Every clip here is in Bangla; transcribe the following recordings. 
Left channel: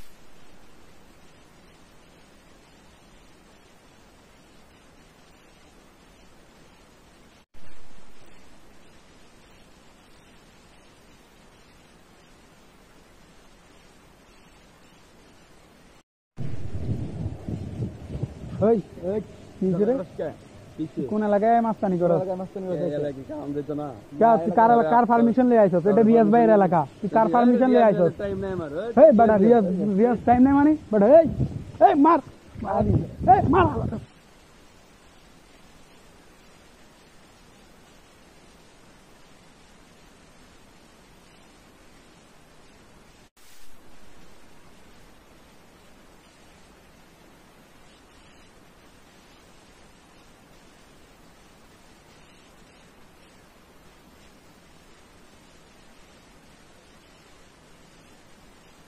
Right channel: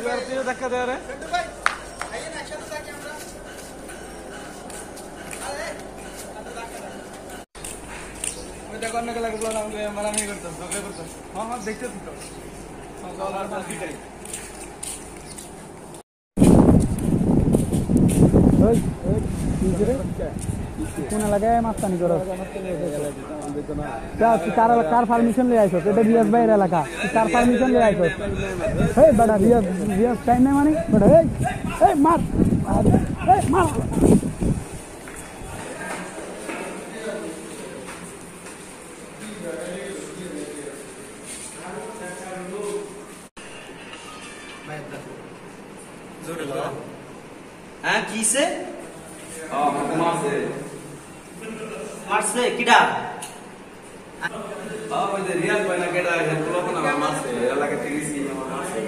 ধাক্কা দেওয়া রে দেখো অন্য লাগলো আমাকে মারামারি করতাম ঝগড়া করতাম আমার দেখতে দিত কোন এলাকায় মাস্তানি করো কার পারমিশন লিয়ে আইছো এটা রিয়াজ ভাইয়ের এলাকা কার পারমিশন লিয়ে আইছো এই বেটা রিয়াজ টাইম নাই মানে বেটা এই মার এই মার হ্যাঁ কিসে মারছে কিডা রিয়াজ ভাই না কেডা মারছে এলাকা থেকে মারছে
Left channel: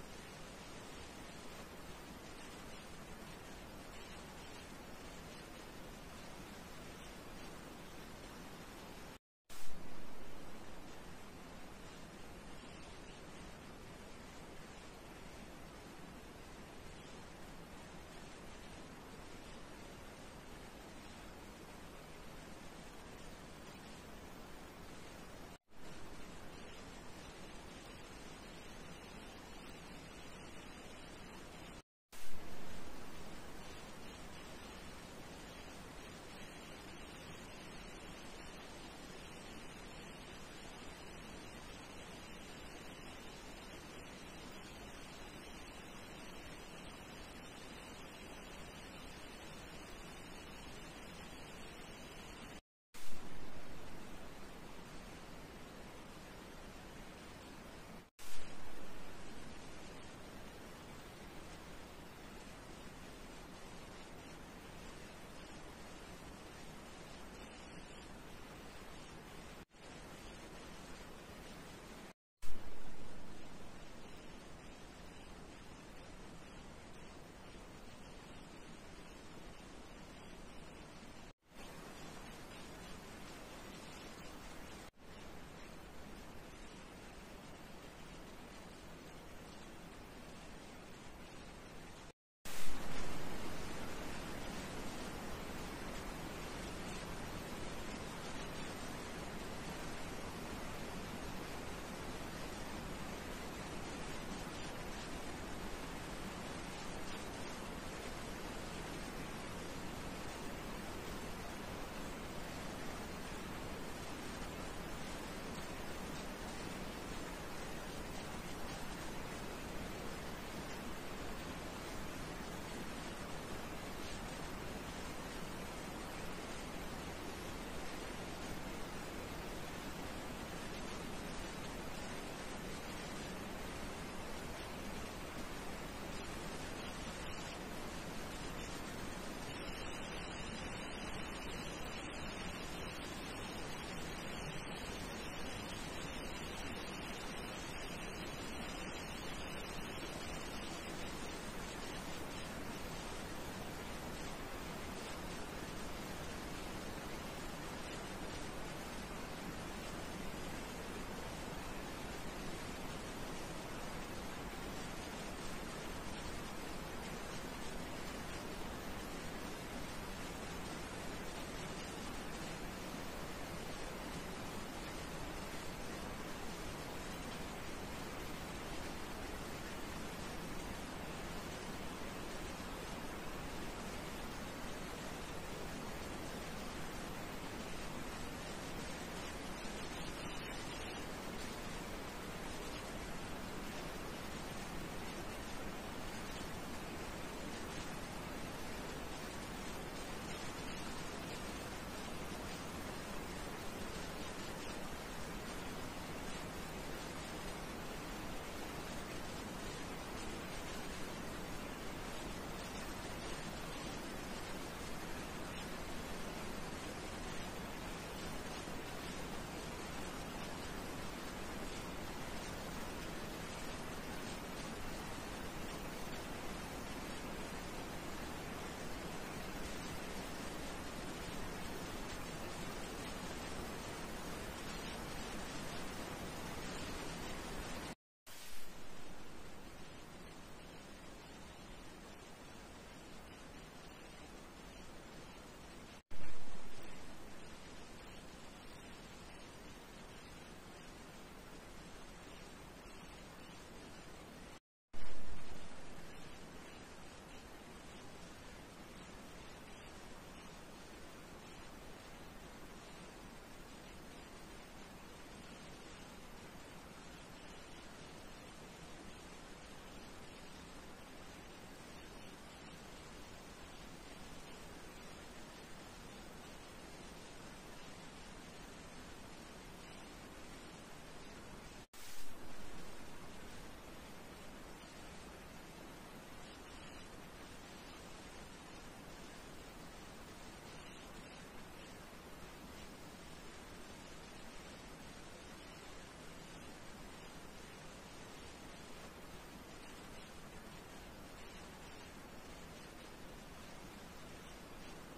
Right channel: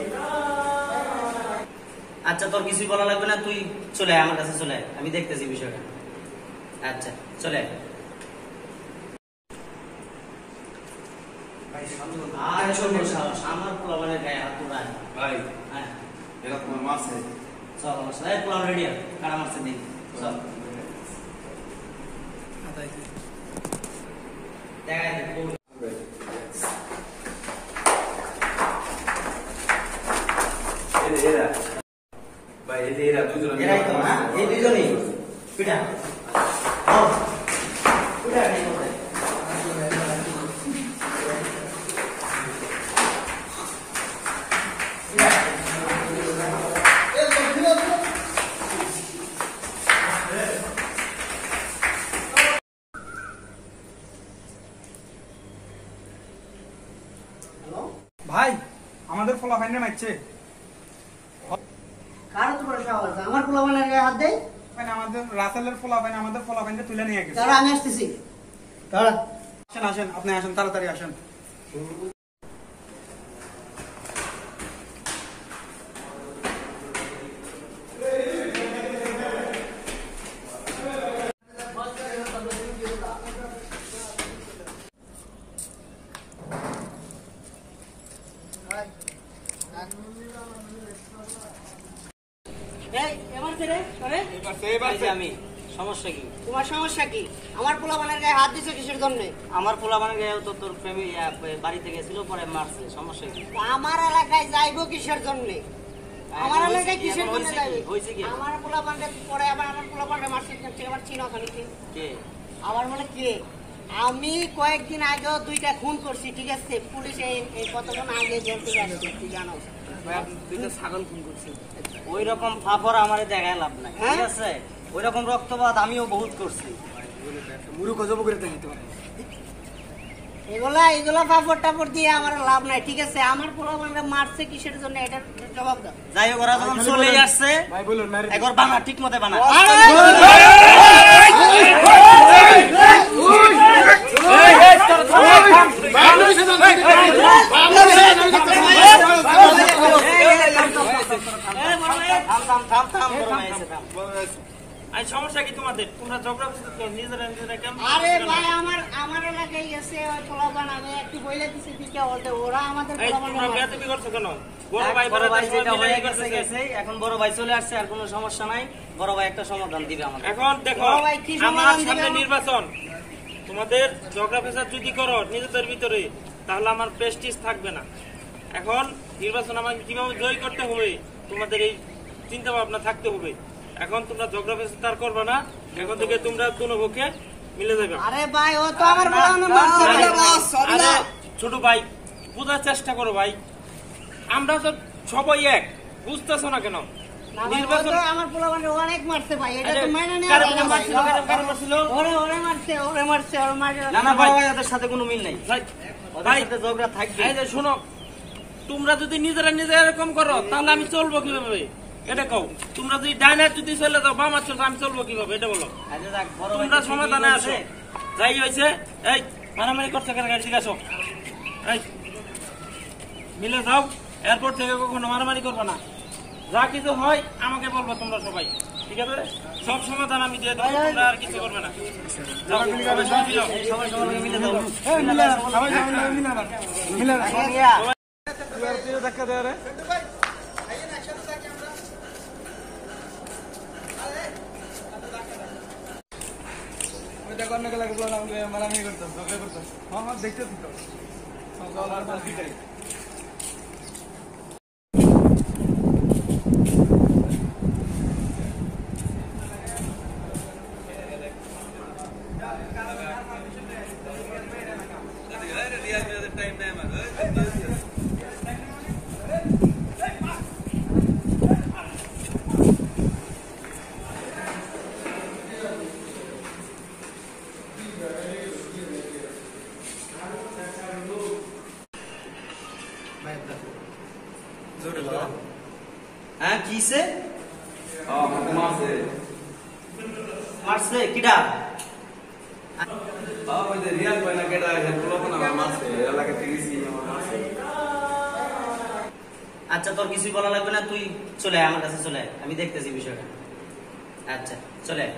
আচ্ছা তোর কিছুই বলা লাগবে না তুই চলে আয় আমার কাছে চলে আয় আমি দেখতেছি বিষয়টা আচ্ছা চলে আয় আর ছোট সাহস আমার পোলাপানের গায়ে হাত তোলায় ভাই হ্যাঁ এরা তোমার মারছে চল আমার সাথে পোলাপ রেডি আর কারা মারছে দেখি চল এরাই তো না এই দুজনেই পিটা পিটা নেই কোথায় ভাই আমাদের ফলাফাইনে মারছে কার তো বড় সাহস আমার পোলাপানের গায়ে হাত দেয় মানে আমাদের রাসেলের ফলাফাইন আমাদের ফলাফাইনটা তুলে নিয়ে গেছে তারা আমি আসতেছি তারা আসেন আসেন আপনি আসেন তাড়াতাড়ি আসেন এই এবার ছেড়ে আরে আমি সমস্যা কি তোমার সমস্যা কি আমার পোলাপানের গায়ে হাত দিছো কিসের জন্য আমার পোলাপানের গায়ে তো তোর প্রেমী বাড়িতে গেছিল পরে মারছে সমস্যা কি আমার এলাকায় যাইবো কিসের জন্য আমার এলাকায় কিসের জন্য যাইবে হইছে কি আমার পোলাপানটা পরে আবার আমার পোলাপানটা মারছে আবার চিনো খালি কে আমার মনে কি আমি কয়েকদিন আগেও দুইটা খুন করছি ঠিক আছে পুলিশে এই কতক্ষণ আগে ধরতে যাচ্ছে তুই জানো দুইটা ছাগল খুন করছি ওই রকম ফাফর আমারে দেখায় লাভ নাই ঠিক হ্যাঁ? আছে ওই রকম রক্তপাত আমিও বহুত করছি মুরু গজব করে দিতে পারে এগুলা পাপড় টাপড় দিয়ে আমার লাভ নাই ঠিক আছে আমার পোলাপানটা মারছে কিসের জন্য এটা জবাব দাও যাই হোক ওরা যখন চলে আসছে ভাই বলুন মারি একবার বানা ঠিক মতে বানা সমস্যা কি তোমাদের তোমরা ঝগড়া নিজেরা নিজেরা কেমন আরে ভাই আমার এলাকায় গেছে ওই পোলাপান আমি একটু বইলে দিছি দিকে বলতে ওরা আমাদের তোমরা বেয়াদবি করছো কেন বড় ভাই যেটা হয়ে গেছে গেছে এখন বড় ভাই চলে আসছে আর কোনো সমস্যা নাই বড় ভাই একটা সমাধান দিবে আমাদের এখন দেখো বড় ভাই কি আমার সমাধান সামনে দিবে? নির্বাচন তোমাদের ঝগড়া ফেসাদ যদি করো নিজেদের ভিতরে তাহলে আমার প্রেস্টিজ থাকবে না এখন নির্বাচন আমাকে কিভাবে জয় করতে হবে তোমাদের এই চিন্তা ভাবনা থাকতে হবে এখন তোমরা ঝগড়া ফেসাদ আর করবে না এখন থেকে তোমরা দুনো পক্ষে মিলে যাবে আরে ভাই ও তো আমার পোলাপান মারছে আরে ছোট ভাই বোঝার চেষ্টা করো ভাই আমরা তো সবাই এক বুঝতেছো না কেন নির্বাচন আমার পোলাপান অনেক মারছে ভাই এটা তো মাইনা নেওয়া কারণ যায় না ভাই। কারণ মারছিল ওরে মারছে ওরে মারছে না না বড় ভাই ওদের সাথে কোনো মিল নাই ভাই ওদের সাথে ঝগড়া থাকবে এই যে শোনো তোমরা যদি নিজেরা নিজে এরকম করো তাহলে আমি চলবো কিভাবে এটা কও তোমরা যদি ডাইনার যদি চলে যাও বাম চলবে আমি চলবো কিভাবে এটা বলো আচ্ছা দেখ বড় ভাই তোমরা সমাধানে আসো যাই হয়েছে এই মারামারি করছে কেন ঠিক আছো এই মিলে যাও এয়ারপোর্ট থেকে কখনো মারামারি করবো না যা কিছু হয় আমাকে বলবো তোমরা সবাই ঠিক আছে সব সমাধান আমি দিয়ে দেবো তোমরা আর কিছু করবে না যাও, সবাই যাও। সবাই সবাই মিলে দাও ধাক্কা দেওয়া রে হ্যাঁ কিসে মারছে কিডা আচ্ছা তোর কিছুই বলা লাগবে না, তুই চলে আয়, আমার কাছে চলে আয়, আমি দেখতেছি বিষয়টা। আচ্ছা চলে আয়।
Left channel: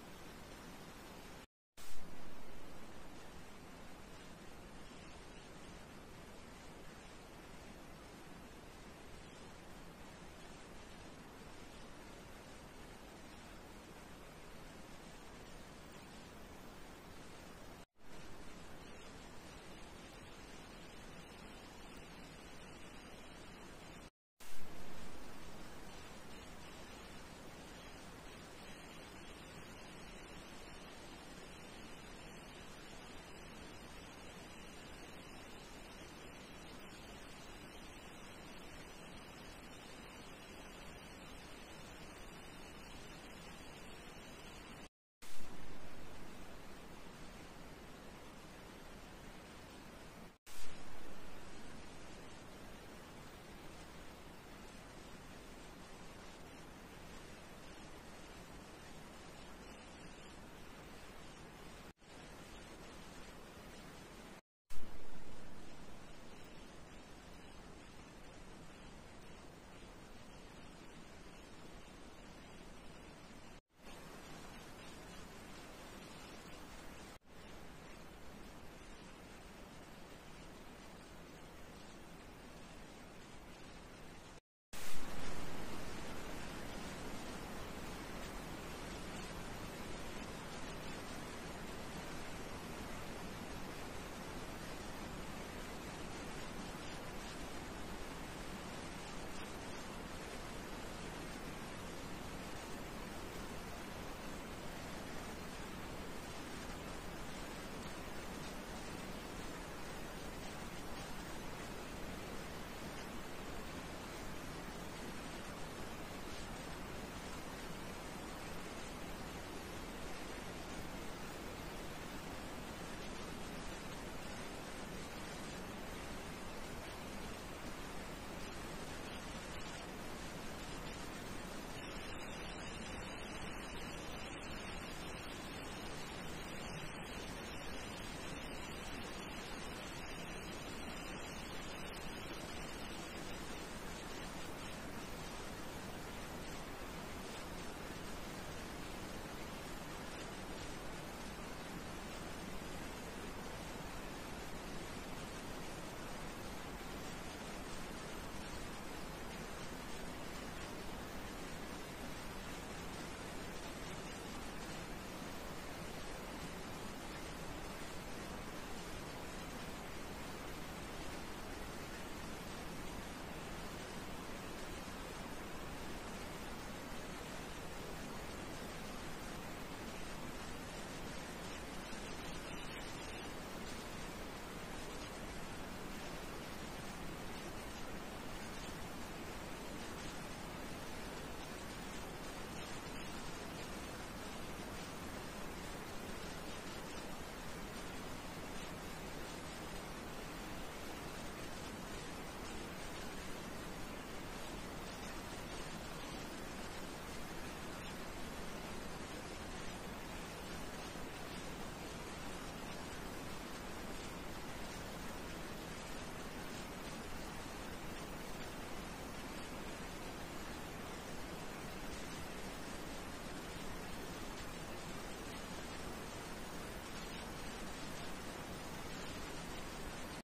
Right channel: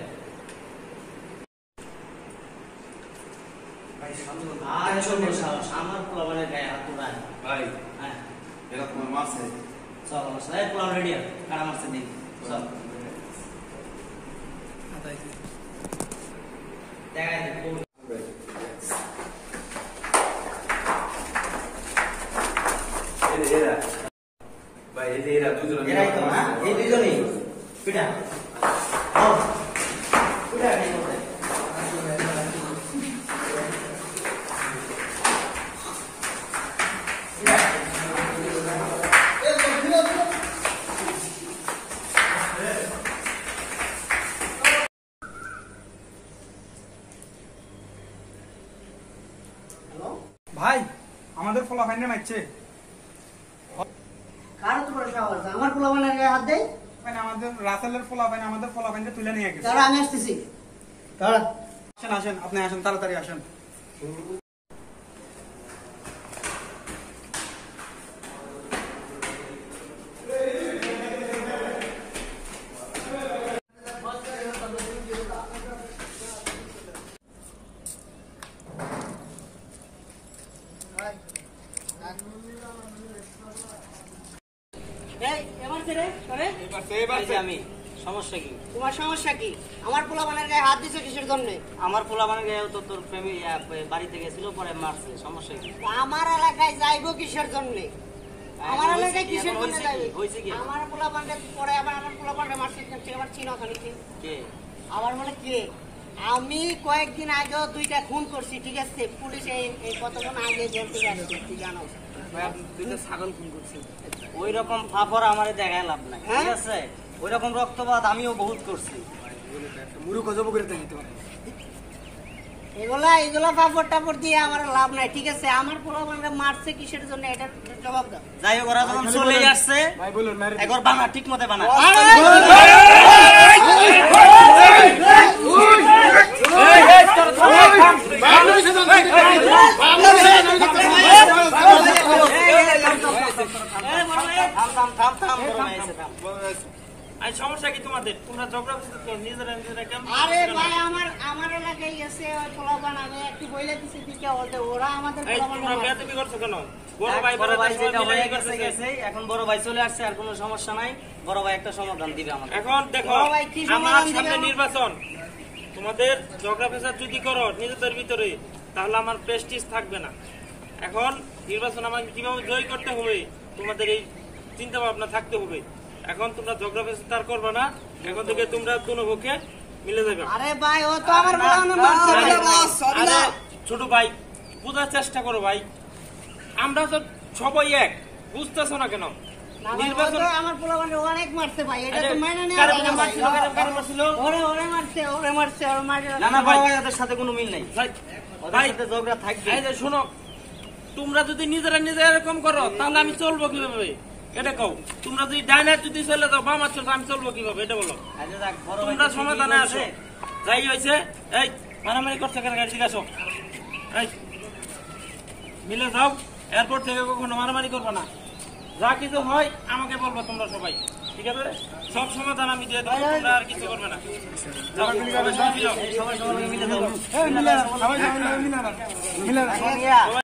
আর শোনো সাহস, আমার পোলাপানের গায়ে হাত তোলায় ভাই হ্যাঁ এরা তোমার মারছে চল আমার সাথে পোলাপ রেডি আর কারা মারছে দিন চল দেখাই দে এরা ভাই এরা দুজন এরাই তো হ্যাঁ এই দুজনই পিটা ও পিটা কি করতে ভাই আমাদের ফলাফাইনে মারছে। কার উপর সাহস আমার পোলাপানের গায়ে হাত দেয়? মানে আমাদের রাসেলের ফলাফাইন আমাদের ফলাফাইনটা তুলে নিয়ে গেছে। দাঁড়া আমি আসতেছি, দাঁড়া। আসেন আসেন, আপনি আসেন, তাড়াতাড়ি আসেন। এই এবার রে করে এই যে আমি সমস্যা কি তোমার সমস্যা কি? আমার পোলাপানের গায়ে হাত দিছো কিসের জন্য? আমার পোলাপানের গায়ে তো তোর প্রেমী বাড়িতে গেছিল পরে মারছে, সমস্যা কি আমার এলাকায় যাইবো কিসের জন্য? আমার হয়েছে এলাকায় কি? কিসের এখন জন্য হয়েছে কি? যাইবে? হয়েছে কি? আমার পোলাপানটা পরে আবার আমার পোলাপানটা মারছে, আবার চিনো খালি কি? কে আবার বলে কে? আমি কয়েকদিন আগেও দুইটা খুন করছি, ঠিক আছে? পুলিশ এই কতক্ষণ আগে জেল থেকে আসছে, তুই জানো? ওই রকম ফাফর আমারে দেখায় লাভ নাই, ঠিক হ্যাঁ? আছে? ওই রকম রক্তপাত আমিও বহুত করছি। এগুলা পাপড় টাপড় দিয়ে আমার লাভ নাই, ঠিক আছে? আমার পোলাপানটা মারছে কিসের জন্য, এটা জবাব দাও। যাই হোক ওরা যখন চলে আসছে একবার বানা ঠিক মতে বানা থাম থাম বড় ভাই এসে থাম। আর সমস্যা কি তোমাদের? তোমরা ঝগড়া করতে নিজেরা নিজেরা কেমন? আরে ভাই আমার এলাকায় গেছে ওই পোলাপান, আমি একটু বইলে দিছি দিকে ওরা আমাদের এই তোমরা পোলাপানটা মারছে। বেয়াদবি করছো কেন? বড় ভাই বড় ভাই যেটা মিলে হয়ে গেছে। গেছে গেছে, এখন বড় ভাই চলে আসছে, আর কোনো সমস্যা নাই। বড় ভাই একটা সমাধান দিবে আমাদের। এখন দেখো বড় ভাই কি আমার সমাধান দিবে সামনে আমার? নির্বাচন, তোমাদের ঝগড়া ফেসাদ যদি করো নিজেদের ভিতরে তাহলে আমার প্রেস্টিজ থাকবে না। এখন নির্বাচন আমাকে কিভাবে জয় করতে হবে তোমাদের এই চিন্তা ভাবনা থাকতে হবে। এখন তোমরা ঝগড়া ফেসাদ আর করবে না, এখন থেকে তোমরা দুনো পক্ষে মিলে যাবে। আরে ভাই ও তো আমার পোলাপান মারছে ভাই। আরে ছোট ভাই বোঝার চেষ্টা করো ভাই, আমরা তো সবাই এক, বুঝতেছো না কেন? না ভাই, ও নির্বাচন তো আমার পোলাপানটা অনেক মারছে ভাই, এটা তো মাইনা নেওয়া কারে যায় না ভাই। মারছিল, কারে মারছিল? ওরে মারছে, ওরে মারছে। না না বড় ভাই ওদের সাথে কোনো মিল নাই, ভাই, ওদের ভাই, সাথে ঝগড়া থাকবে। এই যে শোনো, তোমরা যদি নিজেরা নিজেরা এরকম করো তাহলে আমি চলবো কিভাবে এটা কও? তোমরা যদি ডাইনার যদি চলে যাও বাম চলবে, আমি চলবো কিভাবে এটা বলো? আচ্ছা যাক, বড় ভাই তোমরা তো সমাধানে ঠিকই আসো। বলছে। যাই হয়েছে, এই মারামারি করছে কেন গাড়ি আসো, এই মিলে যাও, এয়ারপোর্ট থেকে কখনো মারামারি করবো না। যা কিছু হয় আমাকে বলবো তোমরা সবাই, ঠিক আছে? সব সমাধান আমি দিয়ে দেবো, তোমরা আর কিছু করবে না। যাও, সবাই সবাই যাও। সবাই সবার মিলে যাও। মিলে সবাই মিলে মিলে